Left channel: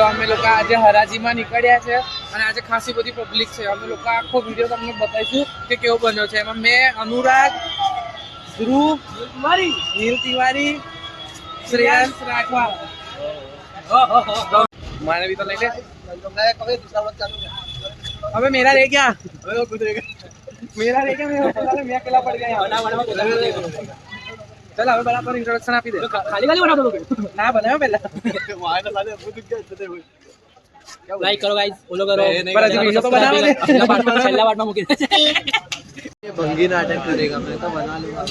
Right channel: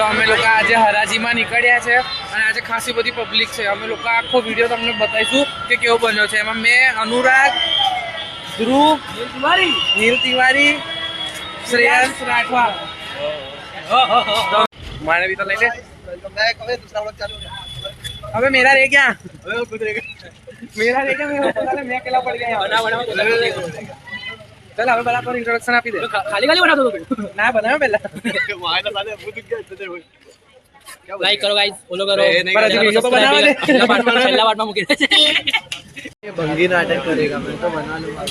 तो अमे लोग आज हराजी में निकळ्या छे અને આજે ખાસી બધી પબ્લિક છે। અમે લોકો આખો વિડિયો તમને બતાવીશું કે કેવો બન્યો છે। એમાં મેં અનુરાગ, ધ્રુવ, નીલ તિવારી, श्रेयांश राठवा माने भी तो ले ले। अबे मेरा रह गया, मेरा रह गया, मैं अकेला पड़ गया। चल हमें बराबर इंट्रोडक्शन आपी दे। खाली खाली बना दो ना, बनाओ पहले। लाइक करो गाइस, फॉलो करो। वीडियो तो बना दे, पहला पार्ट में मुके बंदी नाटक करेगा, मैं तो बना लूंगा।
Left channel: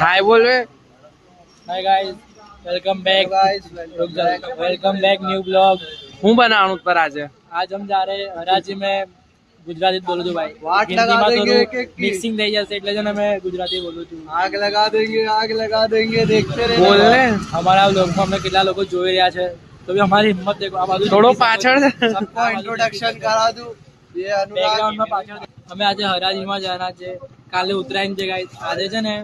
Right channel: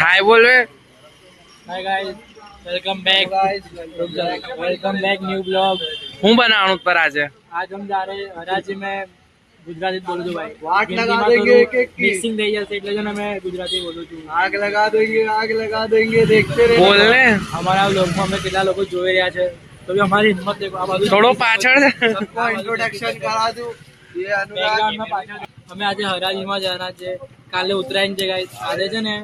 हाय बोल रे। Hi guys, welcome back guys, welcome back new blog. હું બનાવવાનું પર આજે हम जा रहे હરાજી में गुजराती बोलू છું भाई। वाट लगा देंगे कि मिक्सिंग થઈ જશે એટલે જ અમે ગુજરાતી બોલું છું। आग लगा देंगे देखते रहे। बोल ले हमारा लोग में કેટલા લોકો જોઈ રહ્યા છે તો भी हमारी हिम्मत देखो। આ બાજુ થોડો પાછળ सबको इंट्रोडक्शन करा दूं। ये अनुराग में पाછળ અમે આજે હરાજીમાં જવાના છે। કાલે ઉત્તરાયણ છે ગાઈસ। આજે છે ને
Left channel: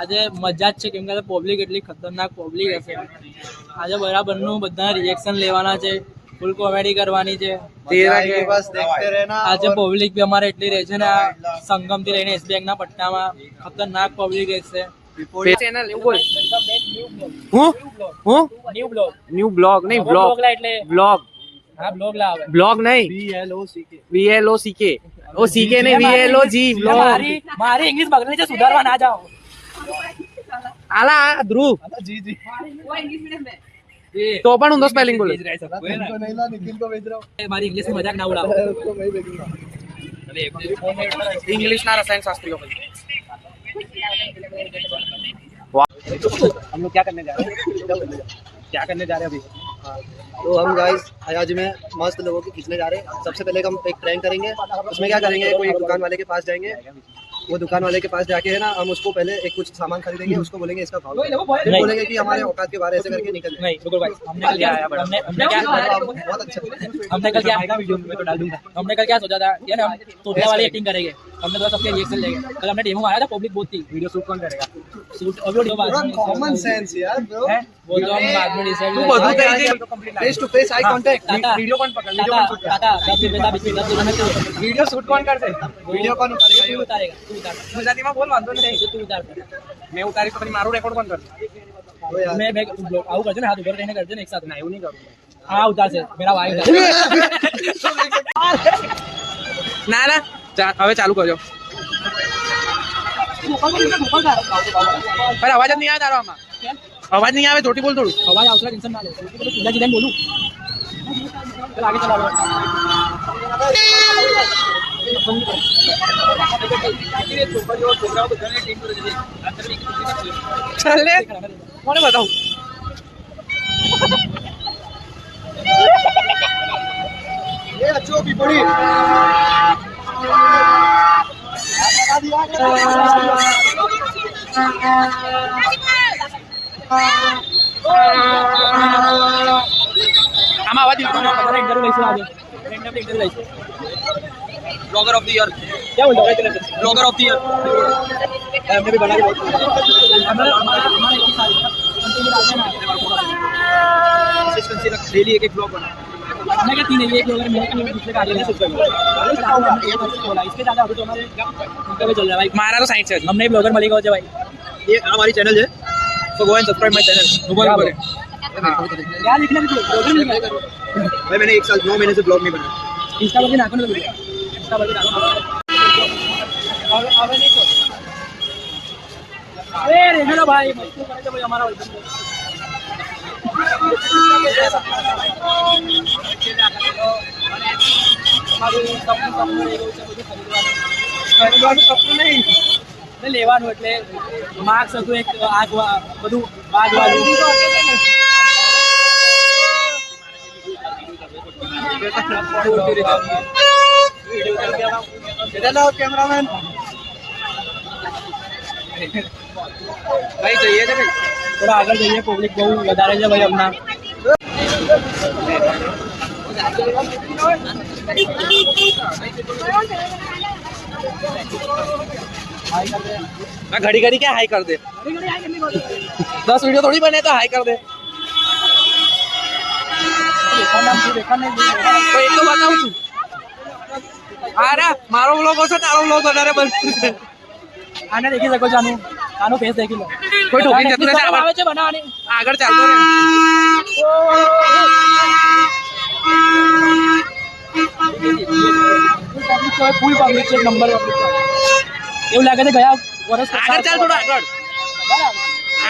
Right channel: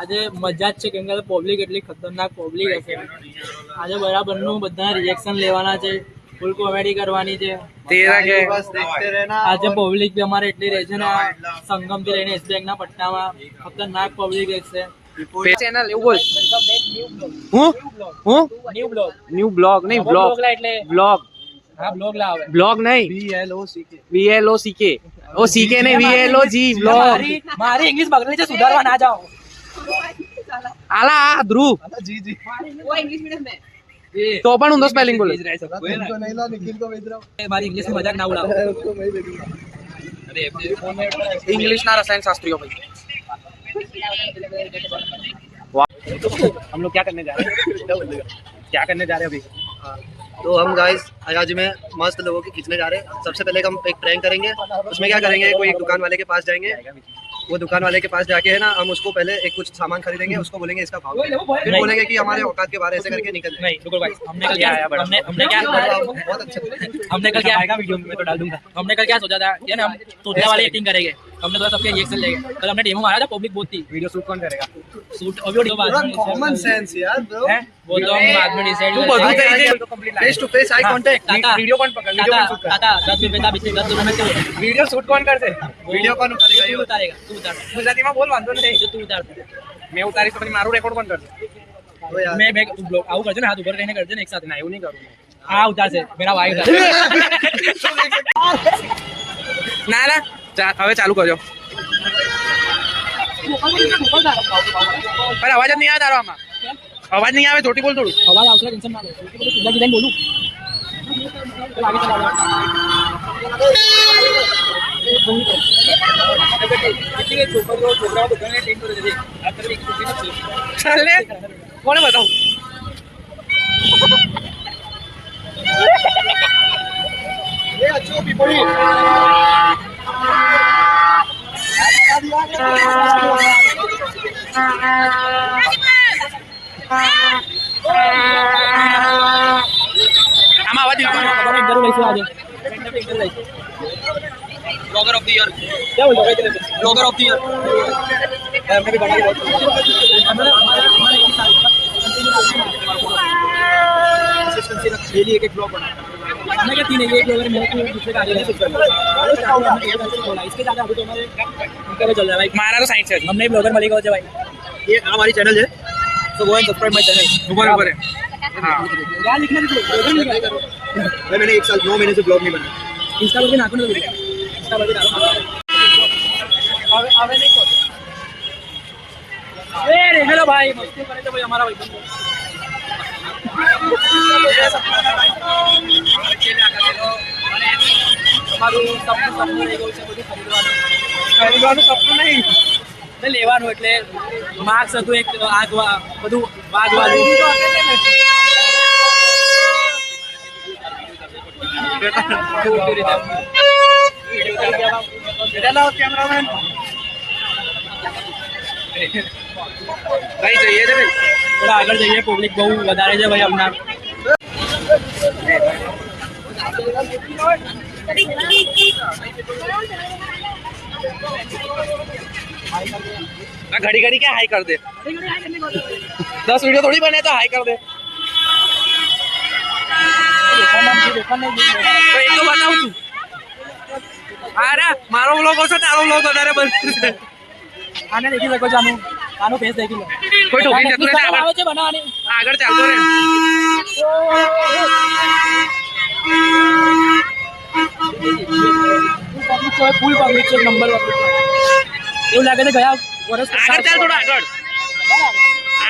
આજે મજા જ છે કેમ કે પબ્લિક એટલી ખતરનાક પબ્લિક હશે। આજે બરાબરનું બધા રિએક્શન લેવાના છે, ફૂલ કોમેડી કરવાની છે। બસ देखते रहना। આજે પબ્લિક भी અમારે એટલી રહે છે ને સંગમ થી લઈને એસબીઆઈ ના પટ્ટામાં ખતરનાક પબ્લિક છે। ચેનલ એવું બોલ હું ન્યુ બ્લોગ નહીં બ્લોગ એટલે બ્લોગ। હા બ્લોગ લાવે, બ્લોગ નહીં VLOCK ઓ સીકે નહીં VLOG બ્લોગ। મારી ઇંગ્લિશ બગડેલી છે, સુધારવા ના જાઓ। आला ध्रुव जी वो इंग्लिश मीडियम में तो अपन उन दो स्पेलिंग बोले। हमारी इंग्लिश में मजाक ना उड़ाओ। इंग्लिश ना रसायन शास्त्री हो भाई। हम लोग क्या करने जा रहे हैं अभी? तो हम गाइस हराजी में मस्त लोगों की खींचने जा रहे हैं। सबसे पहले हम एक प्रैंक करेंगे। उसमें क्या करेंगे, कोई एक दुकान वाले के पास जाएंगे। वो दुकान वाले के पास जाके है ना, हम उसको पहले एक कुछ सामान खरीदेंगे, उसको बोलेंगे इसका भाव, फिर बोलेंगे कि हमारे औकात के बारे ऐसे करके निकल जाए। नहीं रुको भाई, हमने कल क्या बहुत अच्छा। हमने कल क्या आएगा वीडियो में तो डाल दूंगा। हमने कल क्या सोचा था ये ना, हम तोतला वाली एक्टिंग करेंगे। हमने थोड़ा सबके रिएक्शन लेंगे। कल हमने डेमो मारा था, पब्लिक बहुत थी। वीडियो शूट कौन करेगा? शूट ऑडियो कॉमन सेंस यार ब्रो, वो तो हम बाद में डिसाइड करेंगे। Face to face eye contact. Video कौन पकड़, वीडियो कौन शूट करेगा? 10 रुपए का बिस्किट 10 रुपए में वीडियो शूट कौन करते? वीडियो कौन उतारेगा? ये उतारेगा तू उतार। गुजराती में बोल वांधो नहीं, तू उतार। मैं उतारी तो मारू रेकॉर्ड कौन करते? मैं बैग ब्लॉग आऊ करजे ना, हाथ ऊपर कहने करजे ना एक साथ ना, એવું नहीं करूं। हां उतार से मेरा भाई उतार। ना ना હવે ચાલુ કરજો। पर आवाज नहीं आ रहा आમાં, आवाज नहीं आवे, छोटी बोल थोड़ू। आवाज આવશે, ટેન્શન ના લો। સીધા સીધા બોલું। चल आगे चला लो। चल કોને બતાવું? ये अच्छो पीपड़ी આમાં અવાજ નહીં કરવાનો। તમારે ઇન્ટરવ્યુ લઈશું આજે, ઇન્ટરવ્યુ લઈશું। ब्लॉगर ऑफ द ईयर क्या बोल रहे हो? ब्लॉगर ऑफ द ईयर हमने भी बना के हमारा एक ही साल कंसिस्टेंसी रख डेली एक ब्लॉग बना। हमें क्या 3 है, एक ब्लॉगर मेरे को दूसरे का आ रहा है। इसके ज्यादा अभी तो हमारे उनका भी चल रहा है भाई। हमारा तो साइंस है, हमने ब्लॉगर मलिक हो जाए भाई। ये हमारी चैनल है, so go and subscribe my channel. ऊपर है हां, क्या लिखना है ब्लॉगर लिखना है भाई। मैंने 1 साल 9 महीने से ब्लॉग नहीं बनाया। इंस्टा पर भी नाखून लगे, इंस्टा पर भी नाखून अबे नहीं कोई। ए रे हेलो भाई, मस्ती करे तो भाई हमारा भाई बंदो ये सपना भाई हमाરું સપનું એવું છે બધું ખરીદવાનું સપનું નહીં ને લેવાનું। એટલે માર્ક્સ હતું એક આગ બધું વાગવાનું। कैमरामैन भाई चाहिए थे भाई, थोड़ा आगे जाइए, पब्लिक बहुत વધારે છે ભાઈ अपना। घड़ी घड़ी क्या हाई कर दे? 10 वीडियो थोड़ी बने तो हाई कर दे। તો એ તો બતાવું છું. અરે મારો વ્લોગ હશે તારો વ્લોગ વધારે બનશે. આને દેખી શકો છો, આનો ફેસ દેખી લો. કોઈ ઠોકી જતું નથી, આવે છે બનાવવાની. આગળ ચાલતો રહે. ફૂલ પબ્લિક છે, નંબર પબ્લિક. એવું લાગે છે ગયા વર્ષ આગળ ચાલ, થોડું આગળ.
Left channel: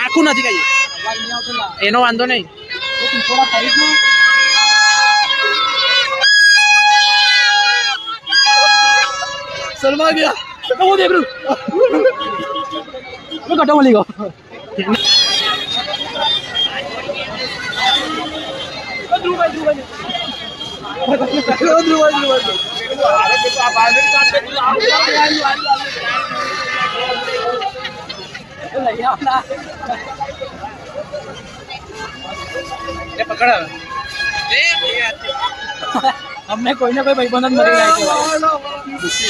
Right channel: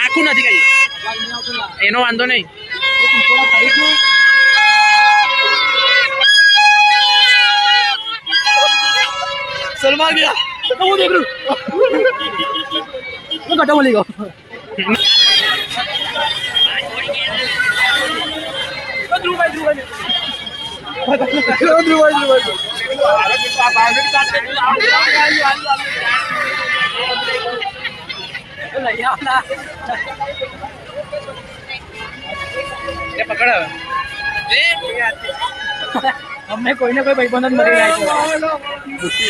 આખું નથી કઈ એનો વાંધો નહીં. સલમાન ગયા હું દેખ રહું હું કટા બોલી ગયો. અમને કોઈને કોઈ ભાઈબંધ મળી જાય છે.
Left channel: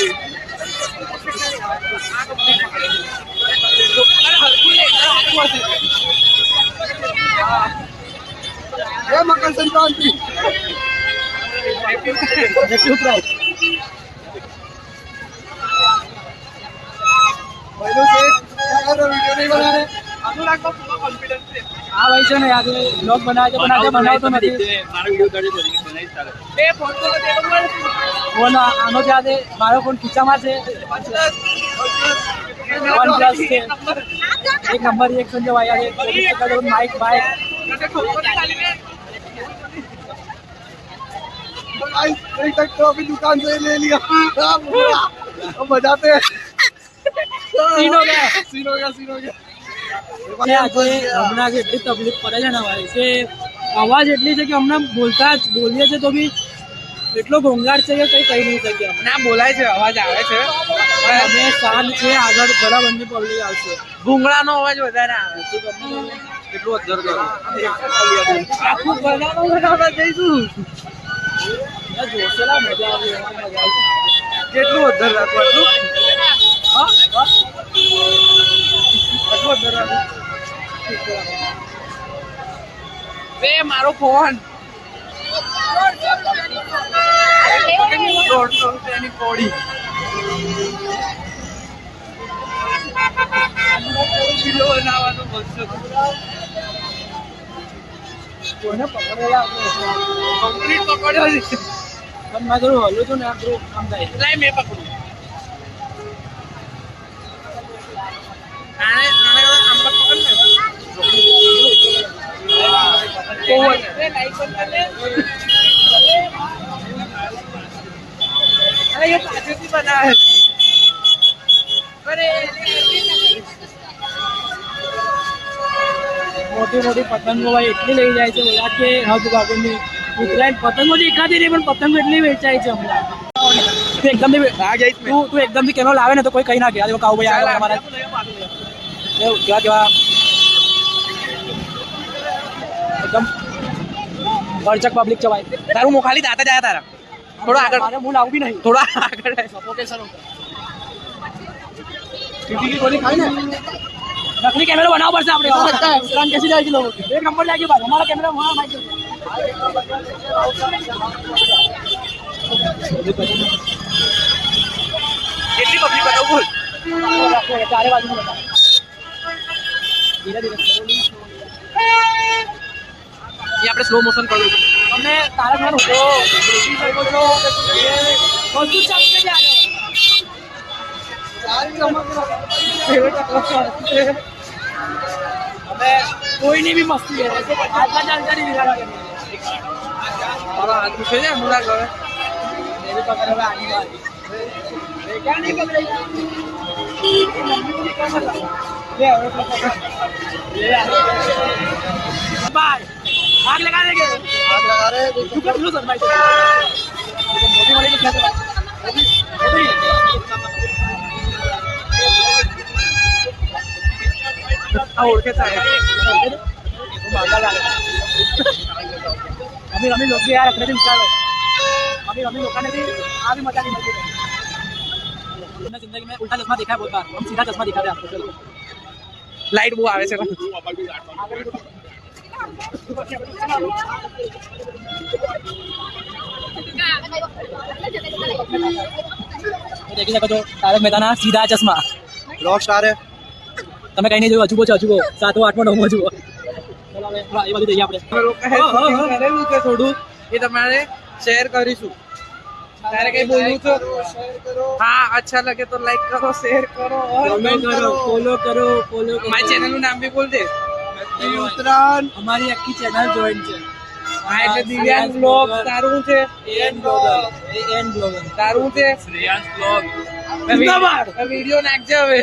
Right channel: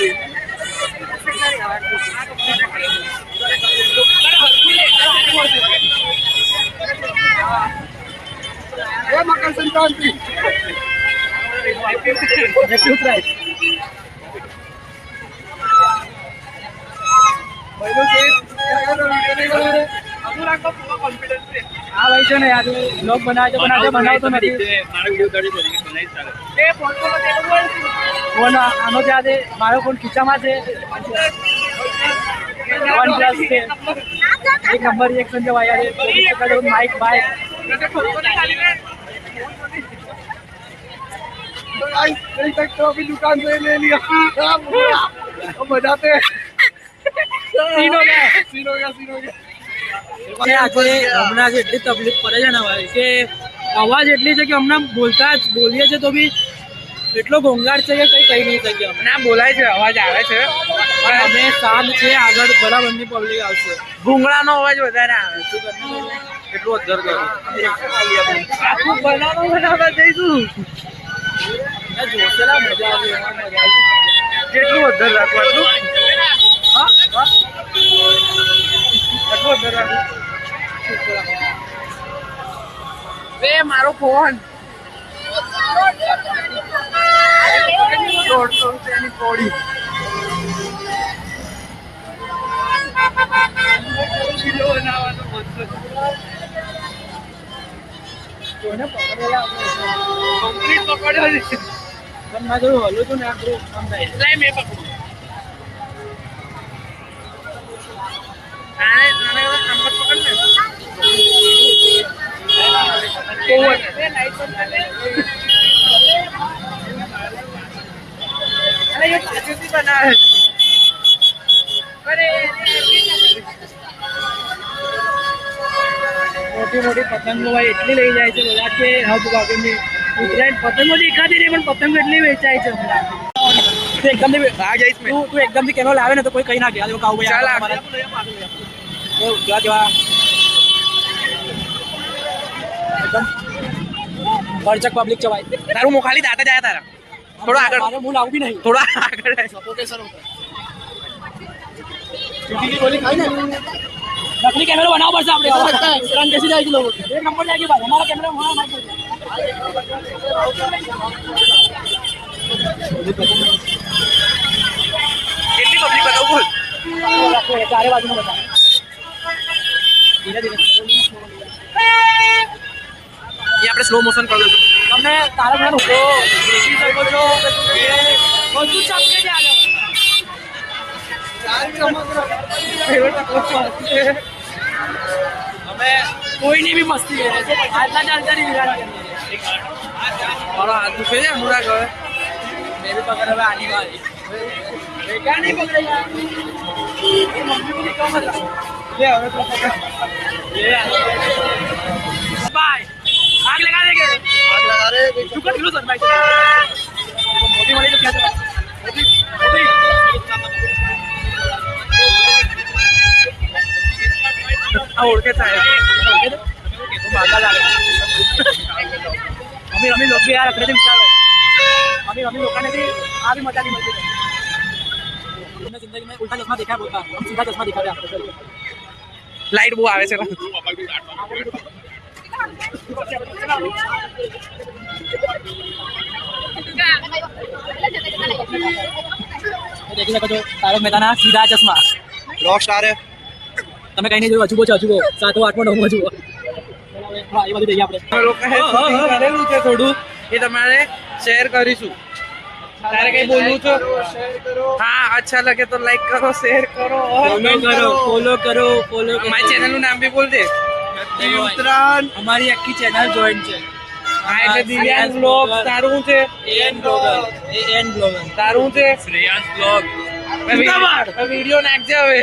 मकर संक्रांति હા ભાઈ છે ને આજે બ્લોગ બનાવે છે પણ આજે બનાવતો નથી. ફોન આનો છે આજે મારો ફોન ખીચામાં છે. OnePlus છે, એક નંબર રિએક્શન છે ભાઈ આજે. માઇક બાઇક नहीं तक तो अभी दुकान से ले लिया. अब बजाते हैं. सीन हो गया. આજે હમણાં એટલી તકલીફ પડે છે ને ભાઈ કે અવાજ એટલી છે કે હમણાં બોલીએ છે તો બી એટલો ઘોંઘાટ છે કે કઈ કહી નહીં શકીએ. ના બોલાય છે, અવાજ આવે છે અમે શાંત છે. આગળ બરાબરની પબ્લિક આવશે. ભૂંગળાનો અવાજ વધારે આવે. શું કરવું એટલું અધર કરો. આખું બનાવવા જઈશું. જોશેલા મજા આવે. કેટલું અધર રાખવું આટલું? હા આટલું અધર રાખવું. મારો ફોન 150 રૂપિયાની પોડી. કિલો બનાવવાનો 200. કોઈને પકડેલા કંપની પકડ્યો છે પણ મેં જોયું હલું હતું ને આટલું કામ થાય એટલે મેં પકડું. આને આમ પર પકડ ને અરે એ પાછળથી બનાવે. મોટી મોટી પતંગો ભાઈ એટલી લઈ જાય છે બધા કે હદ બાબરની. ઉત્તરાયણ પતંગો દેખાતી નહીં પણ પતંગો એટલી વેચાય છે હમણાં. તું એકદમથી તું એકદમથી કેમેરો લાવે ને તો કોઈ કઈ ના કે કાઉ ભાઈ કેવા કેવા એકદમ ભરચક પબ્લિક છે ભાઈ. તારું મુખ ખાલી દાતા જાય તારા થોડો આગળ. મારે મું લાવું બી નહીં, થોડા આગળ. ગોલી ખાઈ ને નકલી કેમેરો બનાવવો પડશે આપણે. ઉત્તરાયણ કેસી જાય છે લોકો. એક નંબર જાય ભાઈ અમારા કેમેરા વहाँ माइक કેટલી પબ્લિક બતાવું બોલ. ચારે બાજુ બતાવ. ધીરે ધીરે ये આપણે સ્લો મોશન કરી દઈશું. તમને તારા ઘર ઉભો દેખી શકો છો કે બધું ચમકે છે આગળ. અમે કોઈની બી મસ્તી કરે છે. આજના જાણકારી વિરાટ કરી મારો હાથ દુખે છે અનુરાગ. હવે મેરી પકડ હવે આની વાળી क्या नहीं पकड़ेगा. मम्मी को दिखाओ मत ले હવે તો પકડ बाय. आग लगा देंगे. आग लगा रहे हैं. तू कर लो सर भाई. मोदी वाले तो क्या कर मोदी ओळखेचा आहे तो मागा झाला. आम्ही लोक भी यार अकडे विचारो. आम्ही लोकांने भी आ भी मजा नहीं मिलती. हमने जिंदगी में उल्टा चश्मा देखा है बहुत बार. हम सीधा चश्मा दिखा रहे हैं आपको. लाइट वो आवे છે દેખી શકો છો તારક મહેતાના સીધા ચશ્મા. रॉक स्टार है તમે કઈ નહીં જોયું, અજુબો છે અજુબો. 7મો 8મો 9મો અજુબો. હા એ બધું જઈએ આપણે. કરેલું છે થોડું, એ તમારે શેર કરીશું. તારે કઈ બોલવું છે? હા, અચ્છા લગે તો લાઈક કરો, શેર કરો, ફોલો કરો. મારી ચેનલ નું નામ બી બોલ દે. ઉત્તરાયણ અમારી આખી ચેનલ જોઈન છે. હા, એટલે દિવ્યાંગ બ્લોગ. તારું છે એન બ્લોગર. તારું છે શ્રેયાંશ બ્લોગ. વિડીયો નાખજે હવે.